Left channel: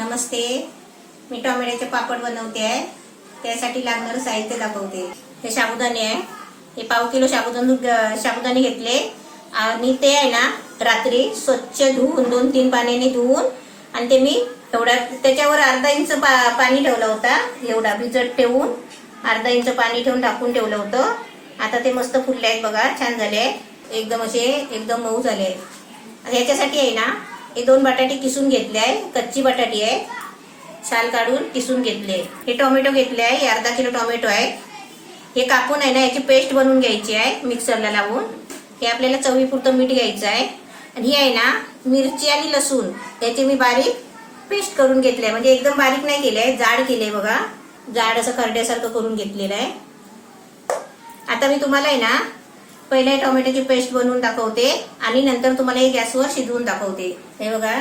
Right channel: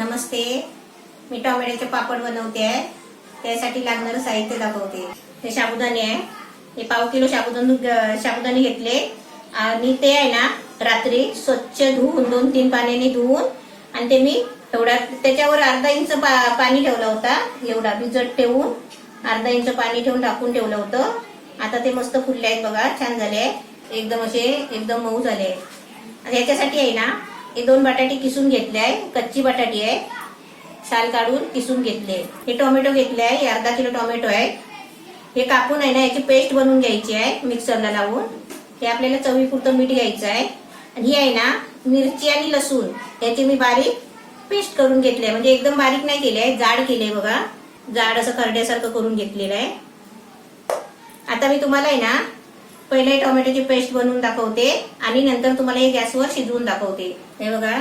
नमस्ते, मी टोमॅटोचे पापड बनवते आहे. त्यासाठी लागणारं साहित्य दाखवते. हे साबुदाणे आहे. हे पाव किलो साबुदाणे घेतले आणि ते आहे ना रात्री स्वच्छ धुवून 2-3 पाण्याने धुवून आणि ते मी एवढा त्याच्यावर अर्धा इंच पाणी ठेवलं होता. एवढा भिजत ठेवून अर्धा इंच पाणी ठेवून टाकून ठेवलं होतं. आता ते मस्त फुलले आहेत बघा, छान झाले, एकदम मऊ झाले. याच्यासाठी आहे ना हे 2 बटाटे किसून घेतले आहे. कच्ची बटाटी आहे, साल काढून किसून घेतले. हे टोमॅटो घेतले आहे, अर्धा किलो टोमॅटो आहे. हे कापून आहे ना याची पेस्ट बनवून घ्यायची आहे मिक्सरला लावून. हे आपल्याला चवीपुरतं मीठ घ्यायचं आहे. आणि ही आहे ना मिरची आणि लसूण याची मी बारीक पेस्ट करून घेतली आहे. म्हणजे एकदम बारीक नाही केली आहे, जाड केली आहे बघा, जाड असं खरड्यासारखं करून घेतलेलं आहे. आता मी तुम्हाला आहे ना पहिले टोमॅटोची पेस्ट बनवून दाखवते आणि नंतर तुम्हाला हे गॅसवर शिजवून दाखवते. हे बघा,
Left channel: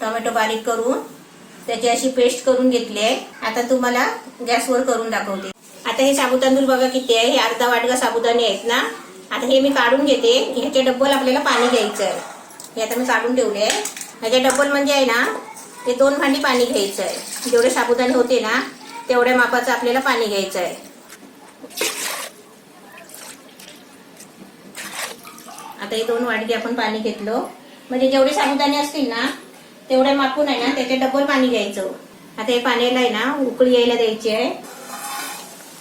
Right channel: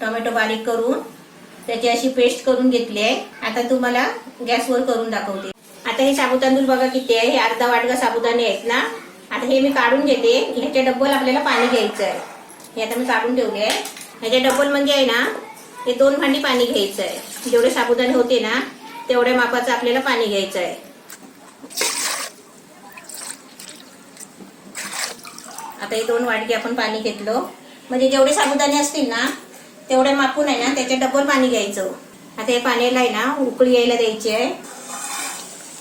टोमॅटो बारीक करून त्याची अशी पेस्ट करून घेतली आहे. आता तुम्हाला गॅसवर करून दाखवते. आता हे साबुदाणे बघा किती आहे. हे अर्धा वाटका साबुदाणे आहेत ना. आता हे मी काढून घेते. ह्याच्या डब्बल आपल्याला पाणी घ्यायचं आहे. हे आता मी काढून ठेवले आहे. ह्याच्या डब्बल म्हणजे आहे ना हे 2 भांडी पाणी घ्यायचं आहे. जेवढे साबुदाणे होते ना तेवढ्या मापाचं आपल्याला पाणी घ्यायचं आहे. आता हे 2 वाटके आपण पाणी घेतलं. म्हणजे जेवढे साबुदाणे असतील ना तेवढे मापून आहे ना त्याच्या डबल पाणी घ्यायचं. आता हे पाण्याला आहे ना उकळी यायला द्यायची आहे.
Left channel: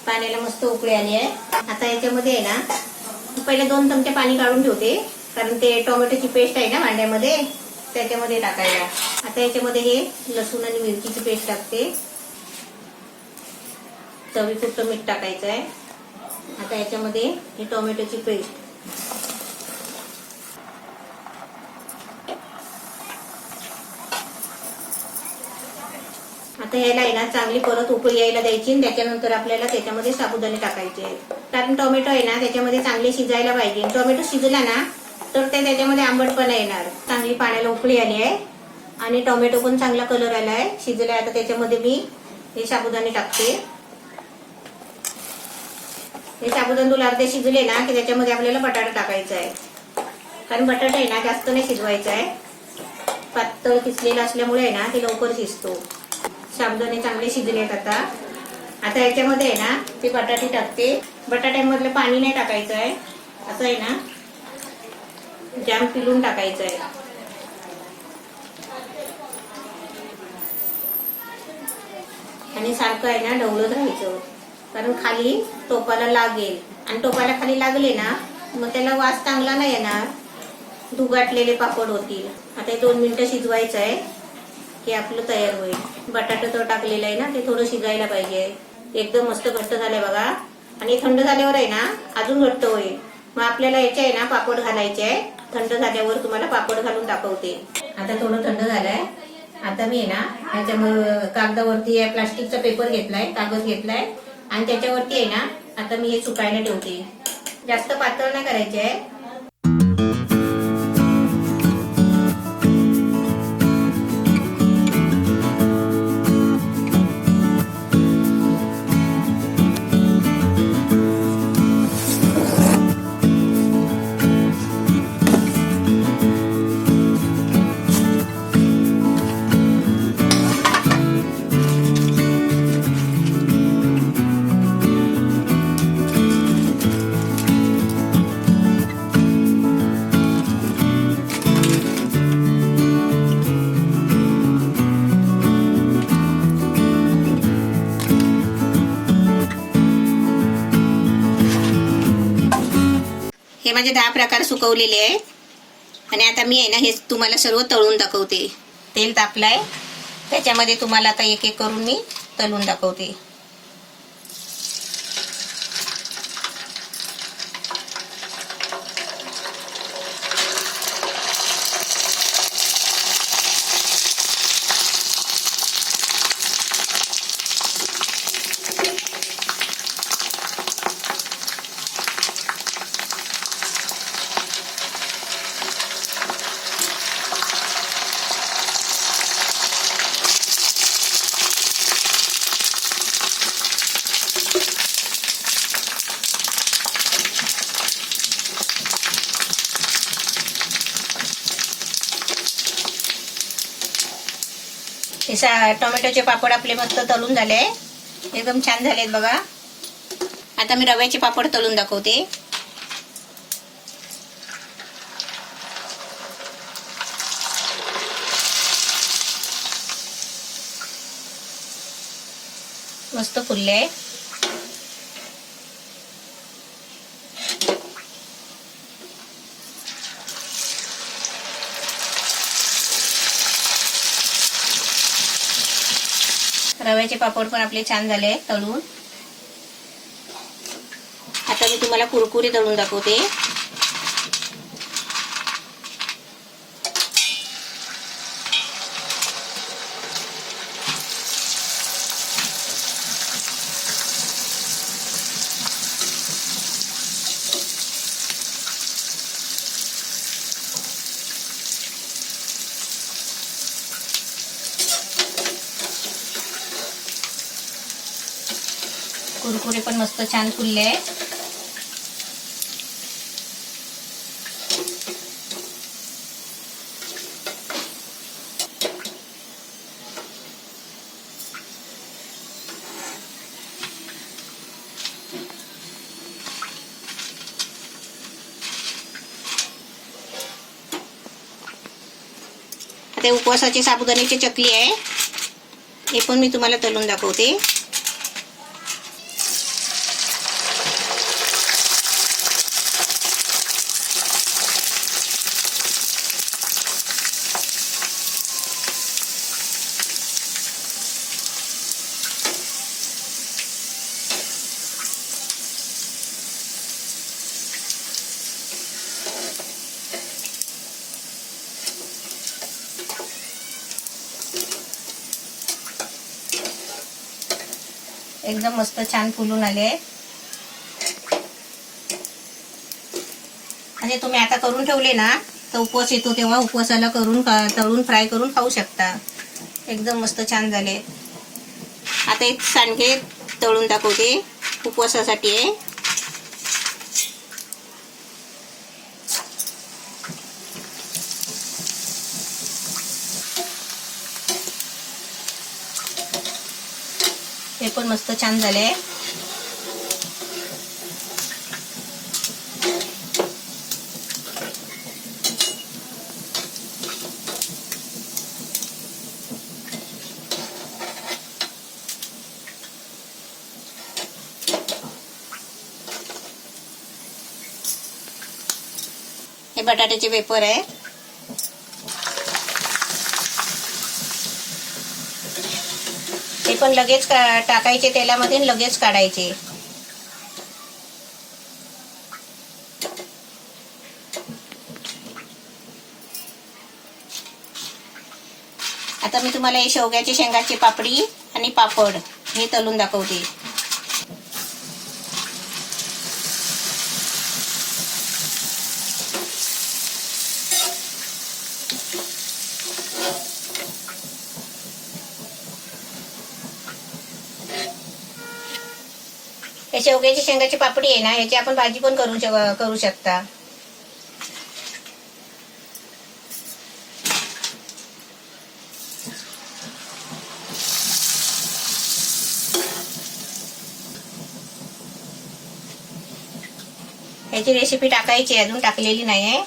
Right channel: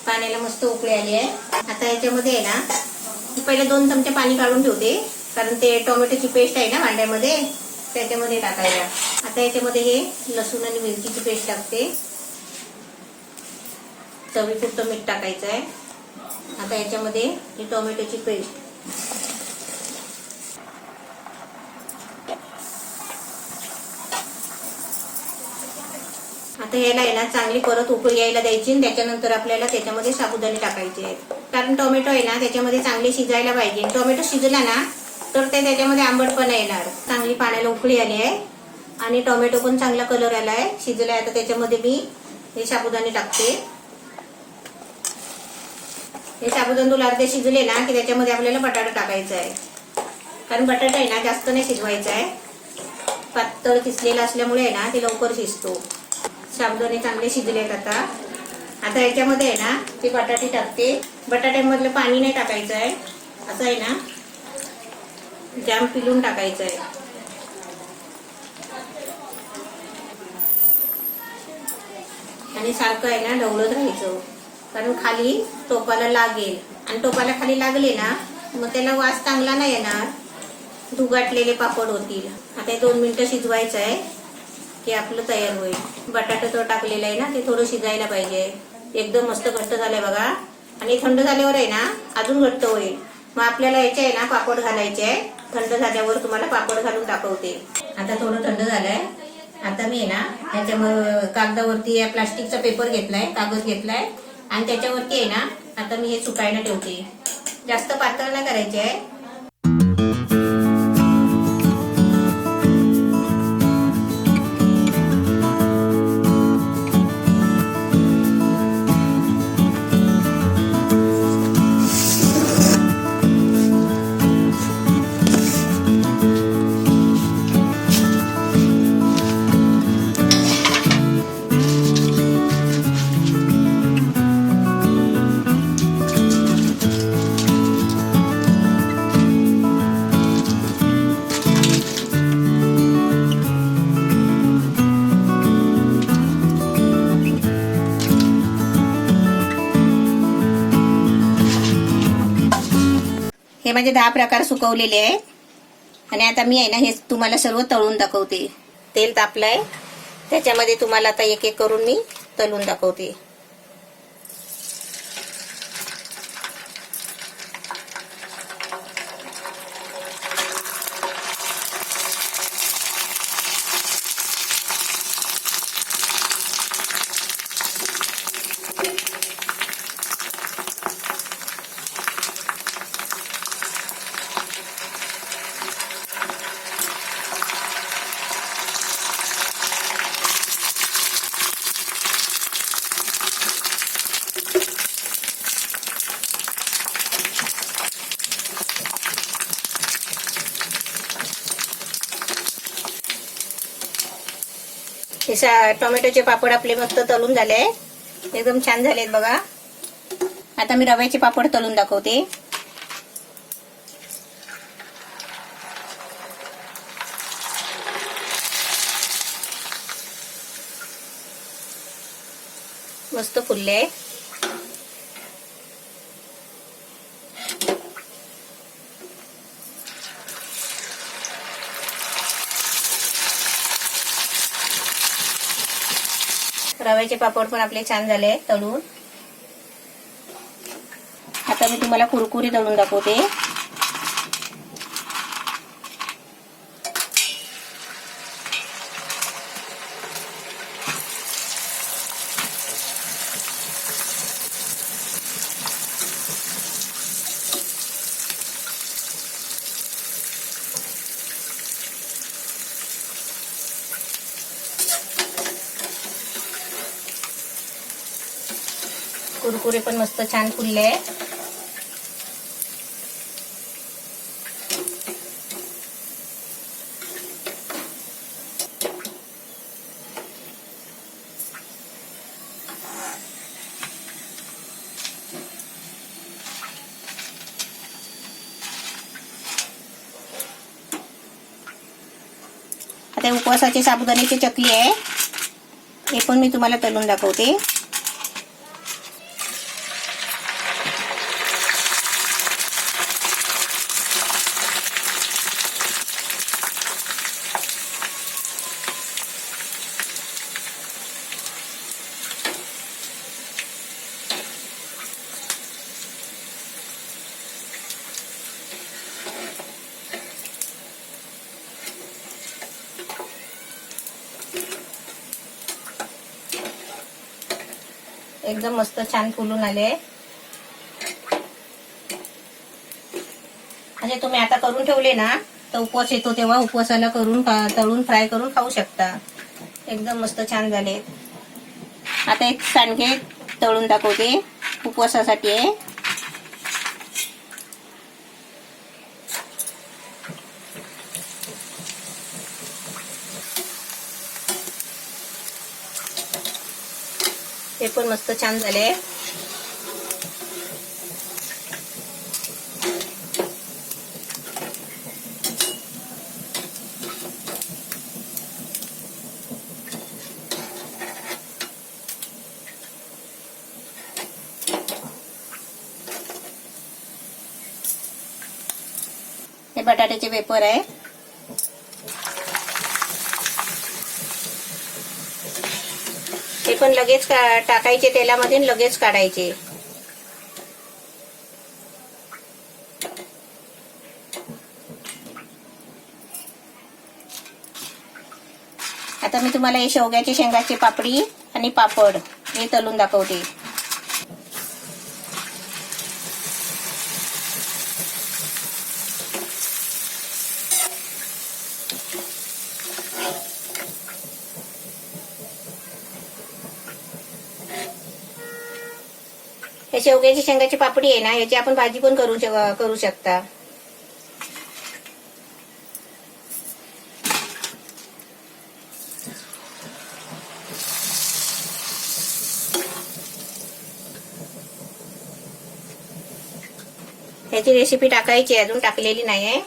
पाण्याला मस्त उकळी आली आहे. आता याच्यामध्ये आहे ना पहिले 2 चमचे पाणी काढून ठेवते, कारण ते टोमॅटोची पेस्ट आहे ना भांड्यामध्ये त्याच्यामध्ये टाकायला. आता याच्यामध्ये हे लसूण आणि मिरचीची पेस्ट टाकते. चवीपुरतं मीठ टाकायचं आहे. आता याच्यामध्ये ही टोमॅटोची पेस्ट, आता याला आहे ना चांगली परत उकळी यायला द्यायची. त्याच्यानंतर आपल्याला त्याच्यामध्ये साबुदाणे टाकायचे आहेत, कारण टोमॅटो आहे ना त्याच्यामध्ये चांगले शिजायला पाहिजे. टोमॅटो शिजला ना तर ते त्याच्यामध्ये आंबटपणा येणार. चांगली पाण्याला उकळी आली आहे आणि टोमॅटो पण चांगला कलर आला आहे, शिजलाय. आता त्याच्यामध्ये मी हे साबुदाणे टाकते. हे साबुदाणे अर्धे शिजले ना की त्याच्यामध्ये आपल्याला बटाटा टाकायचा आहे, कारण बटाटा आहे ना जास्त नाही शिजवायचा आहे. पातळ किसलेला असल्यामुळे आहे ना ते लवकर शिजतो. साबुदाणे चांगले शिजलेत. आता याच्यामध्ये आहे ना ते बटाटे टाकते. बटाट्यामधलं पाणी नाही टाकायचं आहे. असं आहे ना जाम पिळून टाकायचं आहे. आणि सारखं आहे ना ढवळत राहायचं, कारण खाली टोपाला लागेल. आणि टोपाला खाली लागले ना मग त्याला वास चांगला नाही येणार, धुगाटलेले पापड होतील. आता हे 2 मिनिटं शिजवायचं आहे की आपलं तयार होईल. बटाटा तो टाकलेला आहे ना ते थोडं शिजायला पाहिजे. एकदम मस्त घट्ट झालंय बघा. आणि थंड झाल्यावर आहे ना अजून घट्ट होईल. मग आपल्याला याचे आहे ना पापड घालायचे आहे. थंड झाल्यावर तुम्हाला पापड घालून दाखवते. आता थोडं थंड झालंय. आता मी आहे ना ह्याच्यावर कागदावरती प्लास्टिकचा पेपर घेतलाय, कागद घेतलाय आणि त्याच्यावरती आहे ना आता मी हे सुकायला ठेवते. जास्त पातळ नाही करायचे आहे. हे माझे 10 प्रकार सुकवलेले आहे. आणि आता मी आहे ना हे तुम्हाला सर्व तळून दाखवते. तेल तापलंय, त्याच्यामध्ये तुम्हाला आता एक एक करून मी तळून दाखवते. टोमॅटोचे पापड आपले मस्त तळून झाले, एकदम छान झालेत बघा. आता मी रव्याचे पापड तळून दाखवते. मस्त फुलले. रव्याचे पापड पण आपले छान झाले तळून. आता मी तुम्हाला कुरकुरी तळून दाखवते. कुरकुरे पण मस्त छान फुलले. आता उपवासाची साबुदाण्याची चकली आहे, हे पण मी तुम्हाला तळून दाखवते. एकदम मस्त छान फुलून आले. म्हणजे तुम्ही आता करून ठेवले ना तर उपवास येतो तेव्हा उपवासाला करून तळून फ्राय करून खाऊ शकता. एकदम मस्त छान झाले. आता एक सांडगे तळून दाखवते, उपवासासाठी आहे. ते पण मस्त छान झाले. हे बटाट्याचे वेफर आहे. ते पण लगेच टाकायचे तेलामध्ये, लगेच काढायचे. आता मी तुम्हाला हे शेवग्याची शेंगाची पापडी आणि पापड हे तळून दाखवते. हे शेवग्याची शेंगाची पापडी आहे ना, याची आपण भाजी पण करू शकता. याची रेसिपी टाकायची, अजून टाकलेली नाही आहे.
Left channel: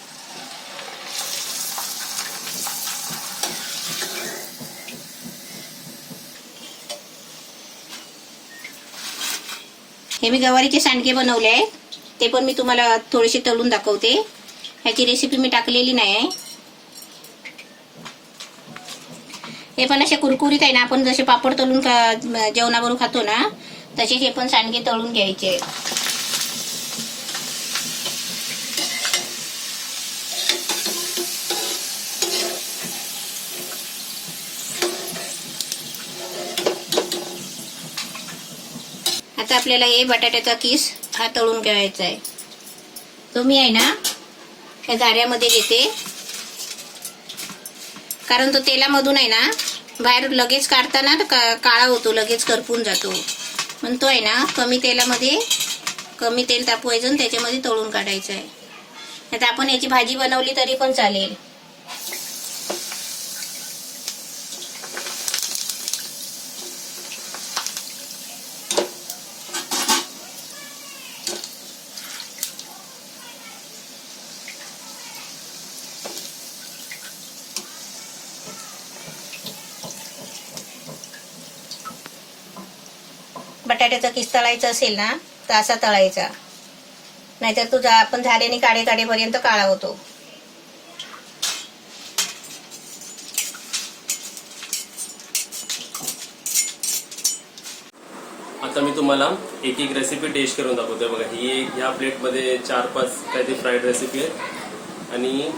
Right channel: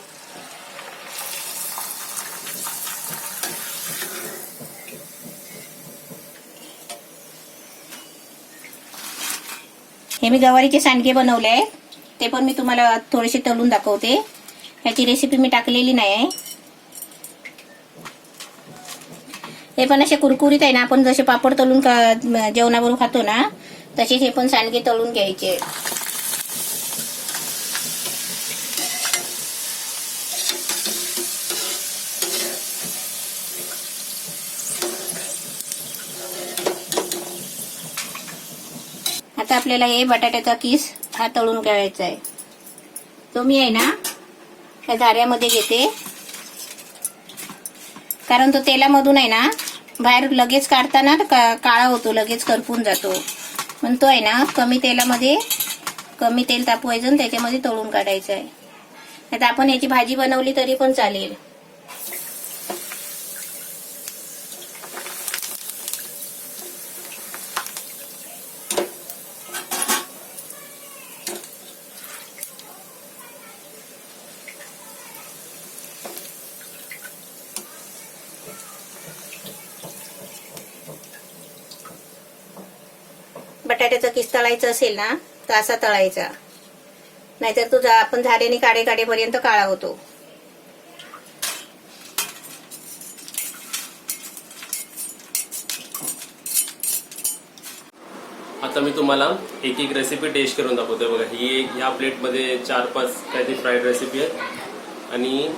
हे मी गवारीचे सांडगे बनवले आहे, ते पण मी तुम्हाला थोडेसे तळून दाखवते. ह्याची रेसिपी मी टाकलेली नाही आहे. हे पण असे कुरकुरीत आहे ना, आपण जसे पापड तळून जेवणाबरोबर खातो ना तसे हे पण सांडगे तळून घ्यायचे. आता आपल्याला हे बटाट्याचा किस हा तळून घ्यायचा आहे. तो मी आहे ना त्या झाऱ्यामध्ये घेते, कारण तो तेलामधून आहे ना बाहेर लगेच काढताना काळा होतो, लगेच करपून जातो. पण तो आहे ना कमी तेलामध्ये, कमी तेल तापवायचं आणि त्याच्यामध्ये तळून काढायचं आहे. आता आपण याची भाजी बनवली तरी पण चालेल. बटाट्याचा किस तळायचा असेल ना तर असा तळायचा, नाहीतर तो आपण झाऱ्याने काढेपर्यंत काळा होतो. आता मी तुम्हाला एक एक रेसिपी टेस्ट करून दाखवतोय. बघा, ही ह्या प्लेटमध्ये 4-5 काहीतरी फ्राईड रेसिपी आहेत आणि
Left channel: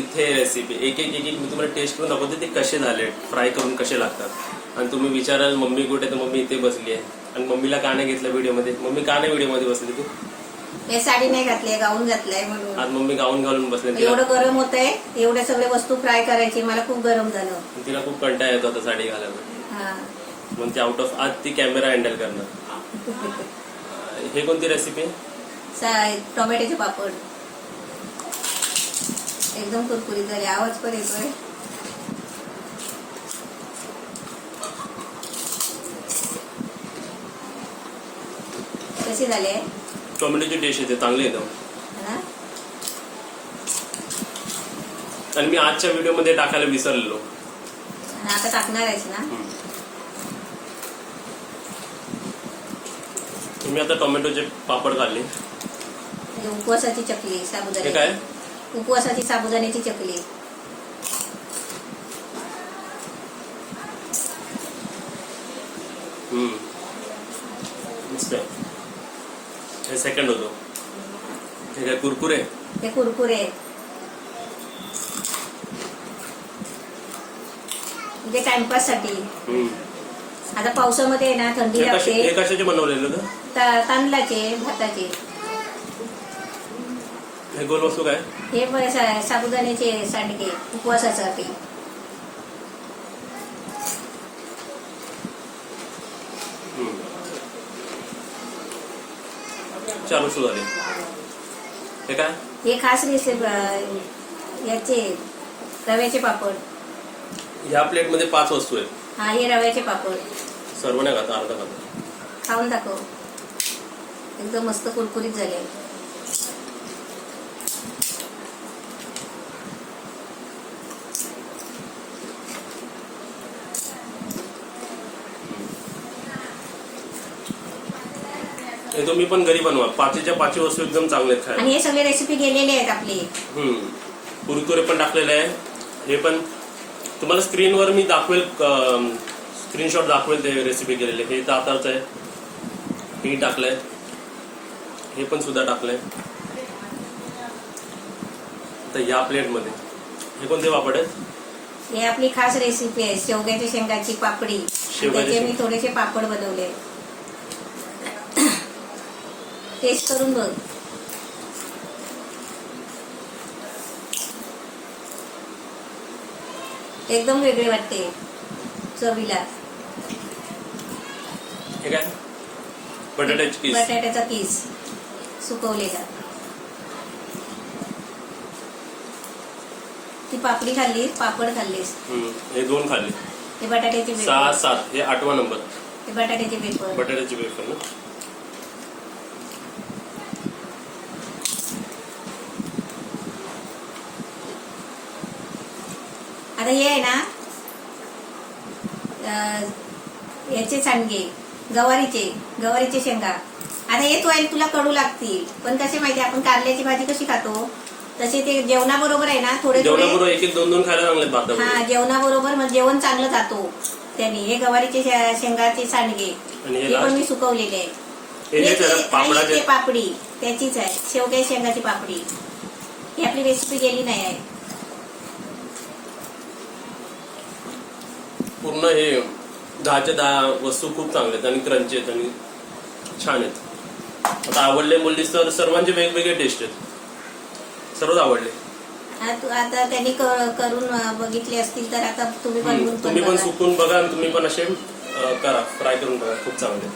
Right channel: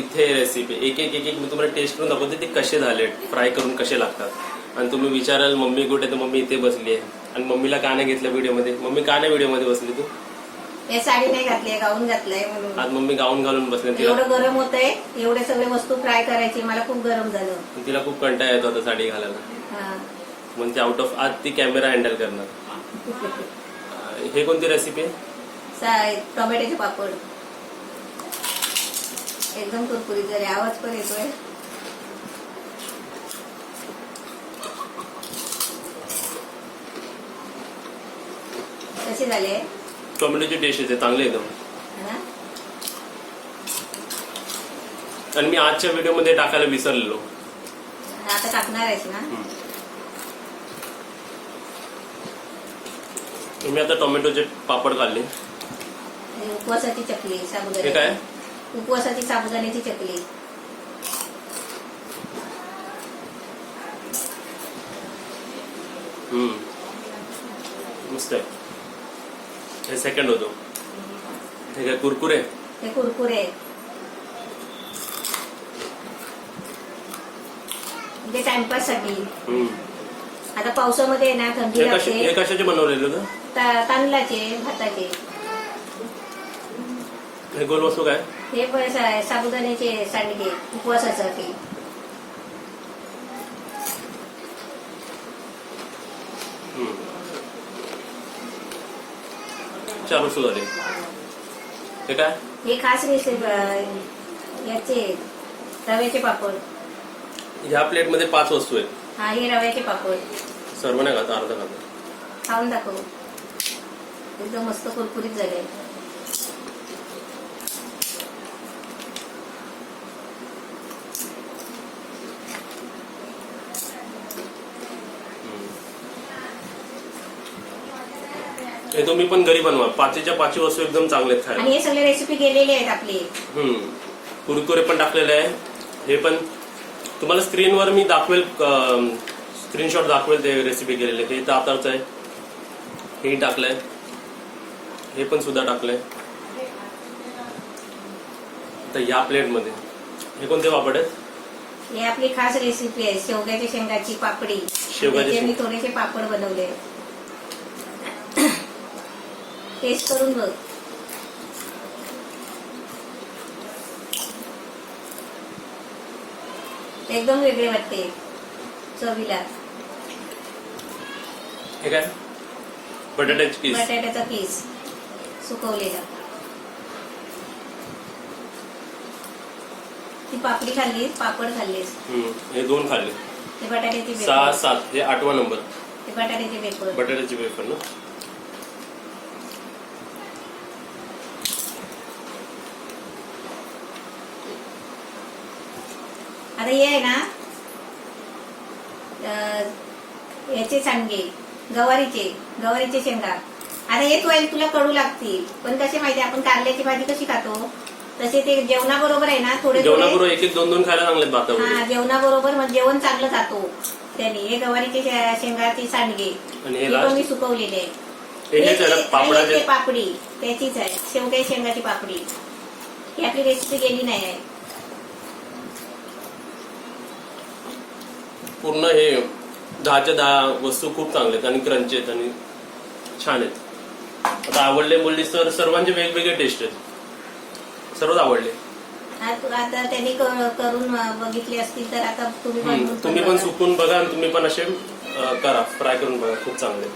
इथे रेसिपी एक एक मी तुम्हाला टेस्ट करून दाखवते ते कसे झाले, फ्राय करून कसे लागतात. आणि तुम्ही विचाराल मम्मी कुठे, तर मम्मी इथे बसली आहे. आणि मम्मीला का नाही घेतलं व्हिडिओमध्ये? मम्मी का नाही व्हिडिओमध्ये बसली तू? हे साडी नाही घातली, गाऊन घातलाय म्हणून. आज मम्मी गाऊन घालून बसले. एवढं गरम होतंय, एवढे सगळे वस्तू फ्राय करायची, मला खूप गरम झालं. तिला खूप कंटाळा येतो आता साडी घालायला, हा. म्हणून ती आउट ऑफ आज ती कॅमेरा हँडल करणार. हे कोणती रेसिपी आहे? टोमॅटोचे पापड एकदम कुरकुरीत झाले, आवाज पण येतोय. कसे झाले? टोमॅटोची टेस्ट येते, चांगले एकदम. हा? आणि मी आजच्या व्हिडिओमध्ये टाकायला विसरलेलो. आता टाकणार आहेस ना? तुम्ही आता टोमॅटोचे पापड खाल्ले. उपवासाची चकली, हे साबुदाण्याची. काय? उपवासाची साबुदाण्याची चकली. मस्त आहे. हे सेकंड होतो. हे काय कुरकुरे? हे कुरकुरे आहेत. म्हणजे टाइमपास साठी. आता पावसामध्ये आहे ना, थंडी हे लागते. कशाचे बनवलेले होतं? तांदळाचे, भाताचे. हे गोल वस्तू काय? हे साबुदाण्याचे सांडगे उपवासासाठी. चार वस्तू झाले. हे काय? हे खास रेसिपी याचे रव्याचे पापड. ह्या प्लेटमध्ये 5 वस्तू आहेत. हा, हे रव्याचे पापड. सर्व नाही खाता, अर्धा खाता. खाऊन दाखव. एकदम मस्त कुरकुरीत झाले. हे तुम्ही पण घरी बनवा. 5च्या 5 वस्तू एकदम चांगले आहेत खायला. आणि हे सगळे रेसिपी गेलेले आहेत आपले. कुरकुरे पण टाकलेले आहे. हे पण तुम्हाला स्क्रीनवर मी दाखवेल, स्क्रीनशॉट दाखवेल ते रेसिपी केलेले. हे दातारचं आहे, हे टाकलंय, हे पण सुद्धा टाकलंय. तर या प्लेटमध्ये हे कोणते पापड आहेत? हे आपली खास रेसिपी आहे, शेवग्याच्या शेंगाची पापडी. त्याचे मी थोडेसे पापड बनवले. टेस्ट करून बघ. एकदम वेगळे वाटते चवीला. हे काय? बटाट्याची किस. बटाट्याचा किस सुकवलेला. ती पापडी खाल्ली, पापड खाल्लीस. हे 2 खाल्ले. हे बटाट्याचे 6-7. हे 8वा नंबर. हे बटाट्याचे वेफर. बटाट्याची वेफर ना. आता हे आहे ना, याचे सांडगे गवारीचे शेंगा. आता हे तुला कडू लागतील, पण कसे माहिती, आपण कारल्याची भाजी कशी खातो तसे ते जेवणाबरोबर आहे ना, थोडे जेवणाबरोबर 1-2 खायला चांगले. हा, जेवणाबरोबर मग जेवण चांगलं खातो त्यांनी. हे गवारीचे शेंगाचे सांडगे, हे पण मी सुकवलेले आहे. पापडी त्याचीच आहे, शेवग्या शेंगाची पापडी. ही आपली रेसिपी गेली नाही आहे. पूर्ण हे 10च्या 10 वस्तू खूप चांगले आहेत आणि क्रंची आहेत आणि छान आहेत. आता आवडले बोललीस तर सर्वांचे वेगवेगळे टेस्ट आहेत. सर्वच आवडले. आता त्यांनी करून बघितले असतील तर आता तुम्ही पण सुकून बघा आणि तुम्ही पण असे करा, फ्राय करून बघा. खूप चांगले.